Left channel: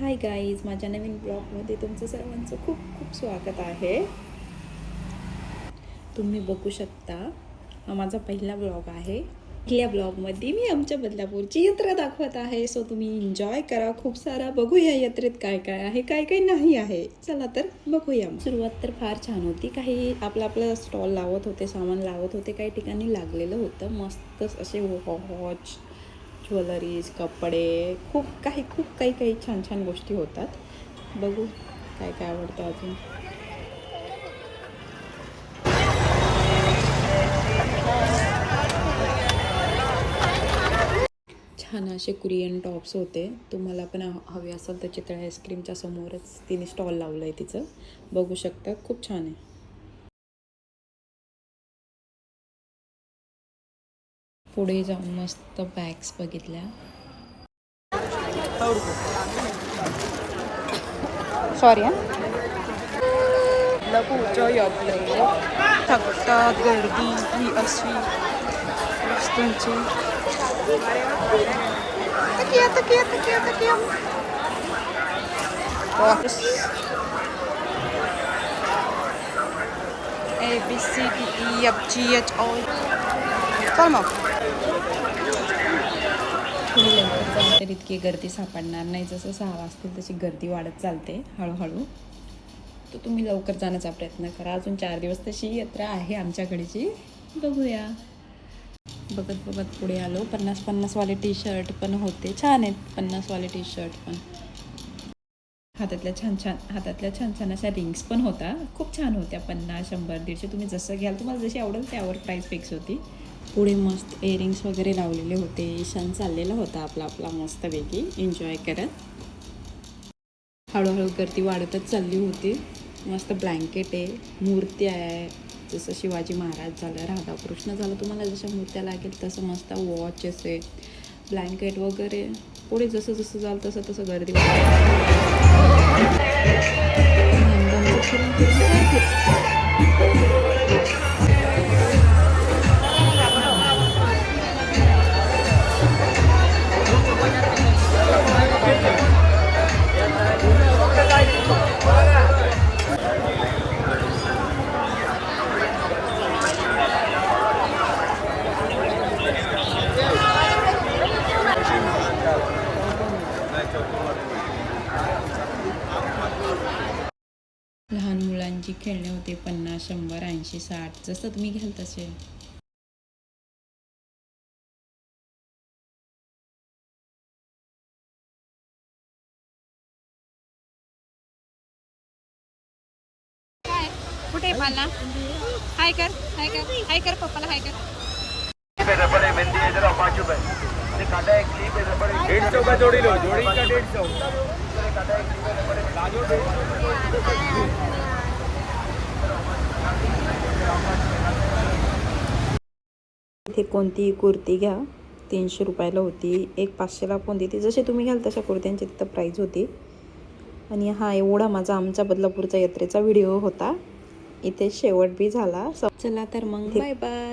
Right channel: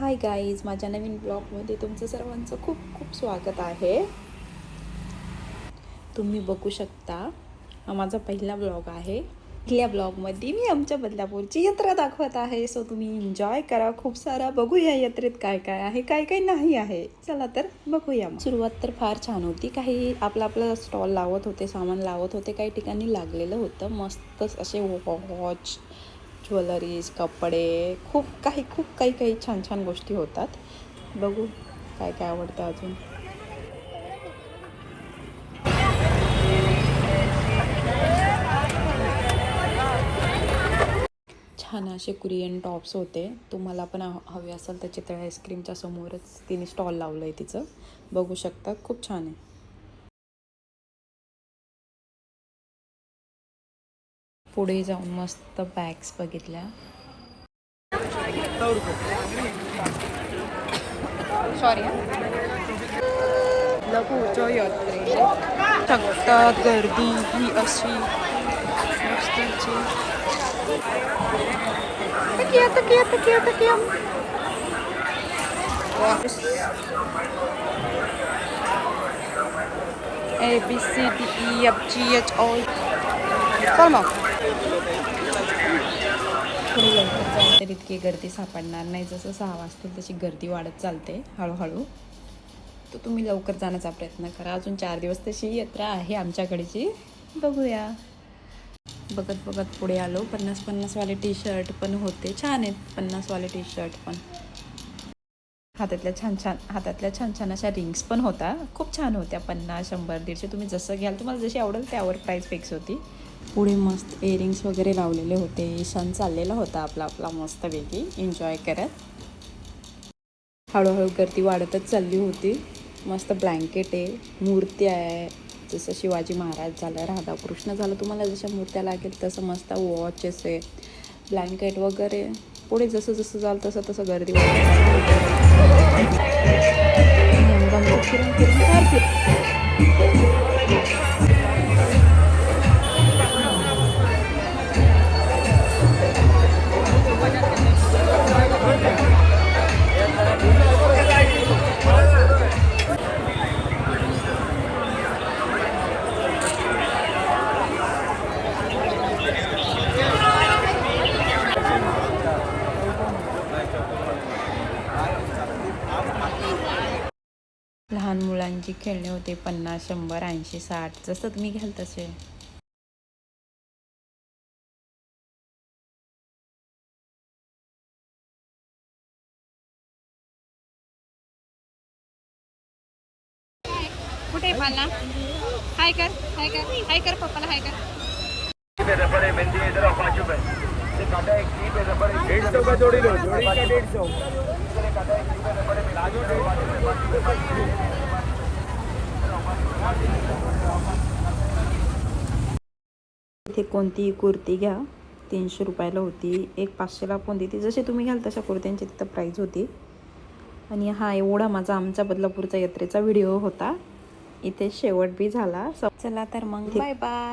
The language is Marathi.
हाय गाईज, माझ्या नवीन ब्लॉगमध्ये तुमचं सर्वांचं खूप खूप स्वागत आहे. तुम्ही बघू शकता, हा माझा पहिला ब्लॉग आहे. पहिल्या ब्लॉगमध्ये मी आमच्या बदलापूरची यात्रा दाखवत आहे. सो तुम्ही एन्जॉय करा खूप सारा. बघूया यात्रेत काय काय आहे, काय काय नाही आहे. चला तर बघूया. सुरुवात तर फार छान होती. काही आपला स्टॉल लावत होते, सामान लावत होते. काही ठिकाणी लागलेलं होतं मस्तच असे वॉच, ज्वेलरीज, कपडे, खूप काही छान छान गोष्टी होतात. बघू काय काय आवडतं अजून. छान असे कुरियन टॉप्स होते. तुम्हाला पण हवे असेल तर चितळे आईस्क्रीमच्या समोरच तिने स्टॉल लावलं आहे तिचं. बघू शकता, खूप छान आहे. पुढे जाऊन मस्त बॅग्स बघितल्या. सॉरी लघुच्या यात्रेत थकतात गर्दी ही अशी वस्तूंची. तकिया ABCDEFGH all. चल मग थोडी लवकर जाईल तर इतकी गर्दी सापडणार नाही. जसं 6 वाजता तशी गर्दी वाढत चालते हळूहळू. तर तुम्ही लवकर जाण्याचा प्रयत्न करा. अजून 4 दिवस तशी यात्रा आहे आमच्याकडची. बघूया. बघत बघत पुढे आलो. 50-50वाले टी शर्ट पण होते. छान आहेत 50वाले टी शर्ट पण. हातातल्या छान छान अशा रिंग्स पण होता. खूप छान होत्या. 50, 100, 150 तुम्ही जसं घ्याल, तुम्हाला जशी आवडेल त्यावर प्राईस फिक्स होती. पुढे मस्त इयरिंग्स वगैरे लावलेले होते. ईशान चाललेला होता आपला मस्तपैकी एन्जॉय करत. हळूहळू गर्दी वाढतच चालली होती. मस्त ब्लँकेट आहे, मूर्ती आहे. जसं शिवाजी महाराज झालं, राधाकृष्ण झालं, तुम्हाला जशा मूर्त्या लागेल तसं मस्त वॉचेस आहे, ब्लँकेट वगैरे. पुढे जसं जसं जाल तसं तसं गर्दी लहान मुलांची खेळणी होती. 50, 100, 80, 60 जसं तुम्ही घ्याल तसे. कुठे पाला हाय कर हाय कर हाय कर पप्पाला हाय कर. रबड़ है, मेहंदी है, जरा 5 रुपए ये काटा है, क्लिप है, रबड़ है, 150 का जोड़ी लो, जोड़ी का 150. इथे कोणतीही कुर्ती घ्या 300 रुपयाला होती. एक 500ला पण देते. जसे तुम्ही घ्याल तशा कुर्त्यांची तिथं प्राईज होती. आणि हा एवढा माझा आमच्या बदलापूरच्या यात्रेचा व्हिडिओ होता. इथे शेवट बी झाला. चला तर मग बाय बाय.